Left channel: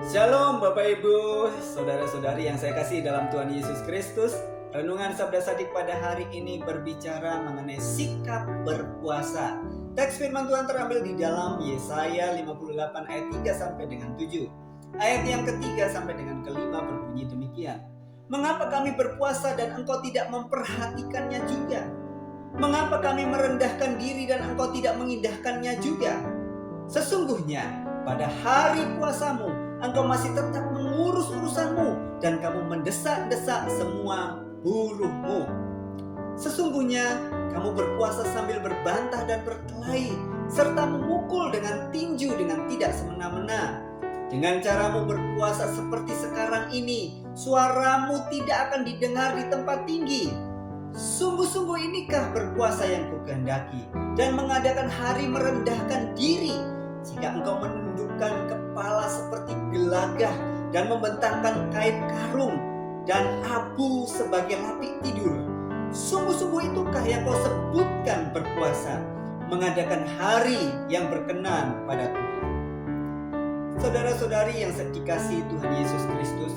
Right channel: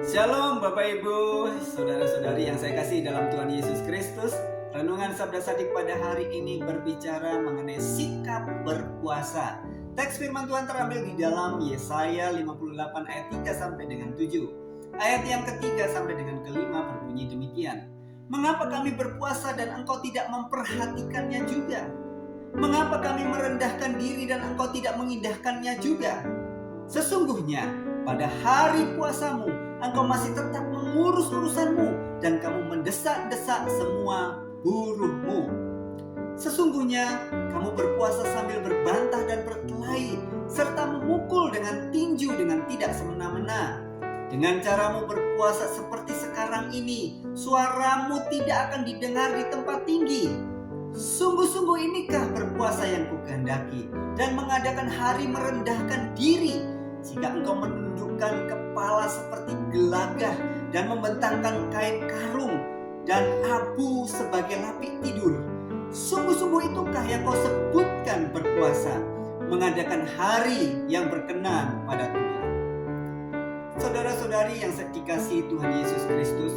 Shalom Bapak Ibu, saudara-saudari yang saya kasih dalam Tuhan Yesus Kristus. Renungan Sabda Sadik pada hari ini berbicara mengenai sikap berpuasa. Teks firman Tuhan terambil di dalam Yesaya 58 ayat 3 sampai dengan 7. Ayat yang ketiga sampai dengan kelima berbunyi demikian. Mengapa kami berpuasa dan engkau tidak memperhatikannya juga? Mengapa kami merendahkan diri dan engkau tidak mengindahkannya juga? Sesungguhnya pada hari puasamu engkau masih tetap mengurus urusanmu dan kamu mendesak-desak semua buruhmu. Sesungguhnya kamu berpuasa sambil berbantah dan berkelahi serta memukul dengan tinju dengan tidak semena-mena. Dengan caramu berpuasa seperti sekarang ini, suaramu tidak akan didengar di tempat tinggi. Sungguh-sungguh inikah berpuasa yang kukehendaki dan mengadakan hari merendahkan diri, jika engkau menundukkan kepala seperti gelagah dan membentangkan kain karung dan abu sebagai lapik tidur. Sungguh-sungguh itukah yang kau sebutkan berpuasa, mengadakan hari yang berkenan pada Tuhan. Saudara-saudari yang dikasihi Tuhan Yesus Kristus,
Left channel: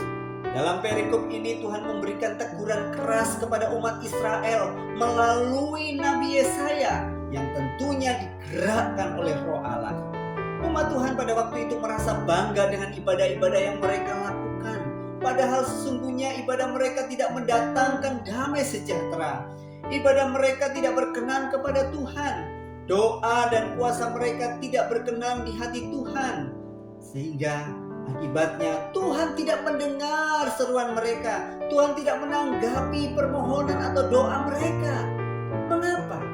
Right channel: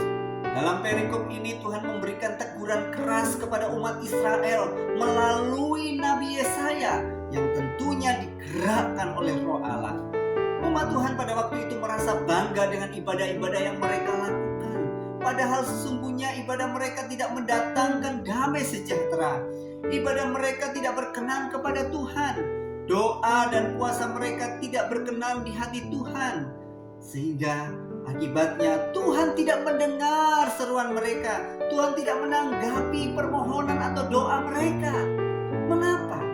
dalam perikop ini Tuhan memberikan teguran keras kepada umat Israel melalui Nabi Yesaya yang tentunya digerakkan oleh Roh Allah. Umat Tuhan pada waktu itu merasa bangga dengan ibadah-ibadah yang mereka lakukan. Padahal sesungguhnya ibadah mereka tidak mendatangkan damai sejahtera. Ibadah mereka tidak berkenan kepada Tuhan. Doa dan puasa mereka tidak berkenan di hati Tuhan. Sehingga akibatnya Tuhan tidak mendengar seruan mereka. Tuhan tidak menanggapi permohonan atau doa mereka. Mengapa?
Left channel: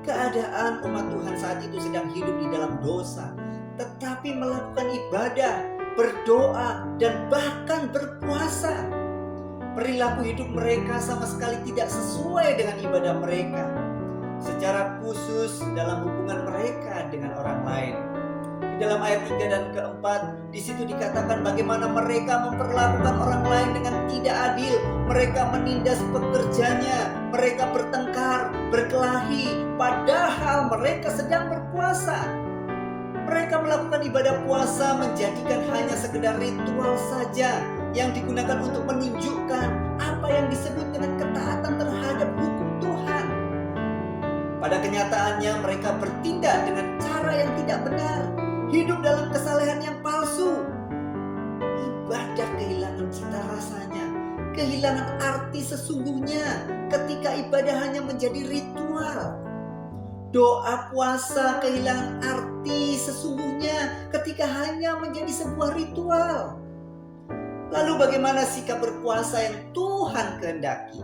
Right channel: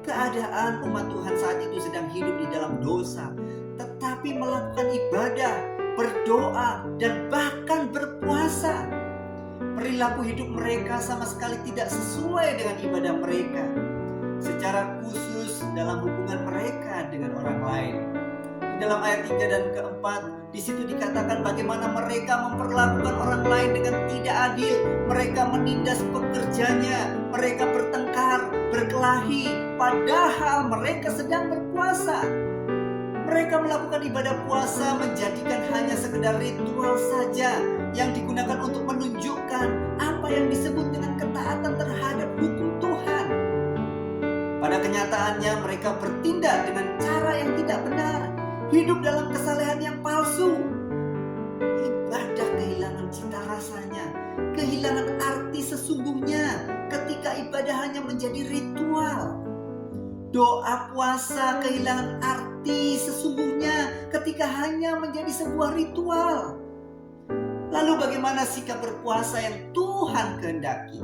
Keadaan umat Tuhan saat itu sedang hidup di dalam dosa, tetapi melakukan ibadah, berdoa, dan bahkan berpuasa. Perilaku hidup mereka sama sekali tidak sesuai dengan ibadah mereka, secara khusus dalam hubungan mereka dengan orang lain. Di dalam ayat 3 dan keempat, di situ dikatakan bagaimana mereka memperlakukan orang lain dengan tidak adil. Mereka menindas pekerjanya, mereka bertengkar, berkelahi, padahal mereka sedang berpuasa. Mereka melakukan ibadah puasa menjadikan hanya sekedar ritual saja yang digunakan untuk menunjukkan apa yang disebut dengan ketaatan terhadap hukum Tuhan. Pada kenyataannya mereka bertindak dengan cara yang tidak benar, hidup dalam kesalehan yang palsu. Ibadah kehilangan cita rasanya, kehilangan arti sesungguhnya ketika ibadah hanya menjadi ritual. Doa puasa kehilangan arti sesungguhnya ketika hanya menjadi sebuah ritual. Lalu bagaimana sikap berpuasa yang Tuhan kehendaki?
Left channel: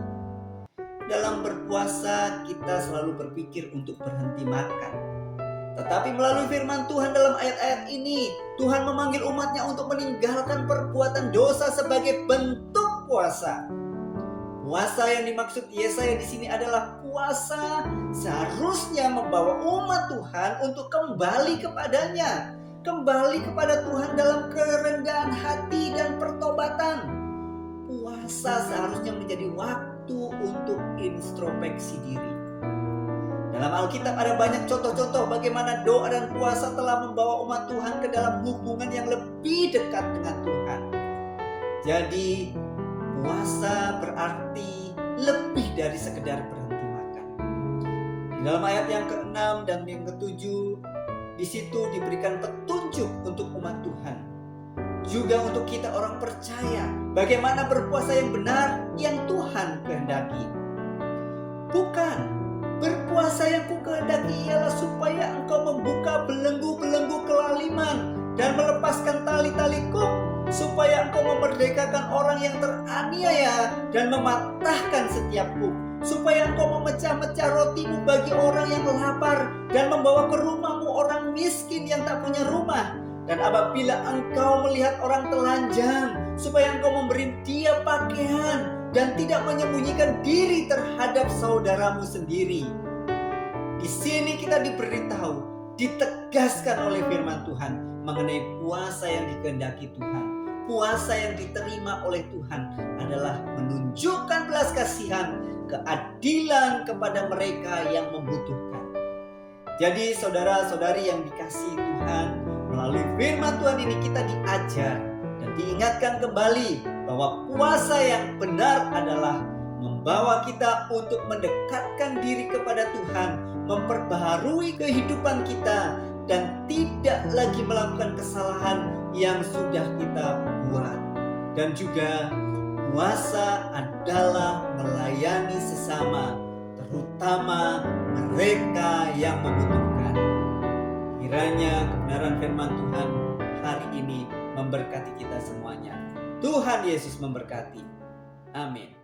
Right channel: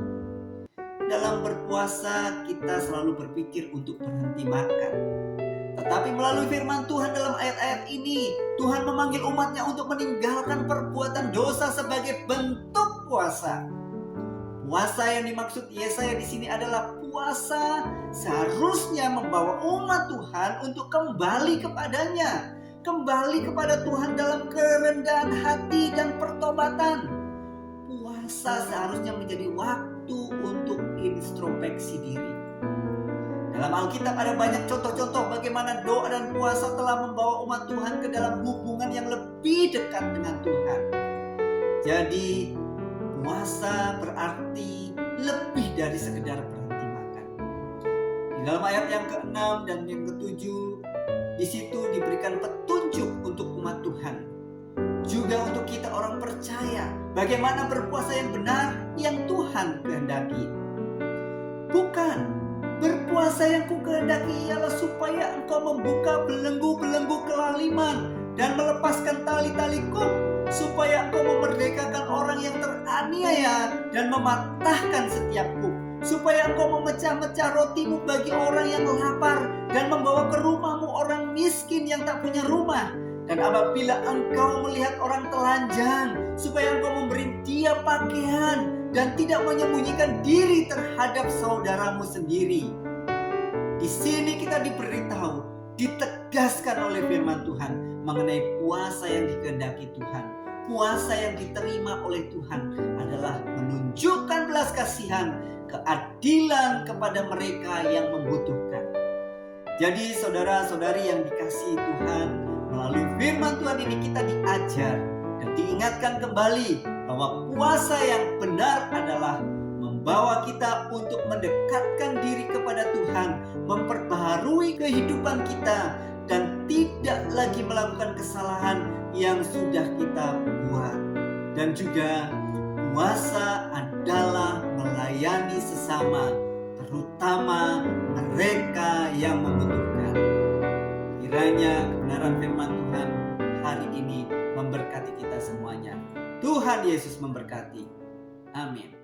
Dalam berpuasa kita selalu berpikir untuk berhenti makan. Tetapi melalui firman Tuhan dalam ayat-ayat ini, Tuhan memanggil umatnya untuk meninggalkan perbuatan dosa sebagai bentuk puasa. Puasa yang dimaksud Yesaya di sini adalah puasa seharusnya membawa umat Tuhan untuk kembali kepadanya, kembali kepada Tuhan dalam kerendahan hati dan pertobatan. Puasa seharusnya menjadi waktu untuk introspeksi diri. Dalam Alkitab ada banyak contoh-contoh bagaimana doa dan puasa telah membawa umat Tuhan ke dalam hubungan yang lebih dekat dengan Tuhan. Jadi puasa berarti lebih dari sekedar berhenti makan. Di dalam ayat yang ke-6 dan yang ke-7, di situ diberikan petunjuk untuk umat Tuhan. Juga untuk kita orang percaya bagaimana berpuasa yang benar yang Tuhan kehendaki. Bukan berpuasa yang kukehendaki ialah supaya engkau membuka belenggu-belenggu kelaliman dan melepaskan tali-tali kuk, supaya engkau memerdekakan orang yang teraniaya dan mematahkan setiap kuk, supaya engkau memecah-mecah rotimu bagi orang yang lapar dan membawa ke rumahmu orang miskin yang tak punya rumah. Dan apabila engkau melihat orang telanjang, supaya engkau memberi dia pakaian dan tidak menyembunyikan diri terhadap saudaramu sendiri. Di sini kita diberitahu, ditegaskan oleh firman Tuhan mengenai puasa yang dikehendaki Tuhan. Puasa yang diterima oleh Tuhan adalah menunjukkan belas kasihan, keadilan kepada mereka yang membutuhkan. Jadi saudara-saudari yang dikasihi Tuhan, melalui firman Tuhan Tuhan ini kita diajar dan diingatkan kembali bahwa puasa yang benar adalah membawa kita untuk mendekatkan diri kepada Tuhan, memperbaharui kehidupan kita, dan tidak lagi melakukan kesalahan yang sudah kita buat. Dan juga puasa adalah melayani sesama, terutama mereka yang membutuhkan. Kiranya kebenaran firman Tuhan hari ini memberkati kita semuanya. Tuhan Yesus memberkati. Amin.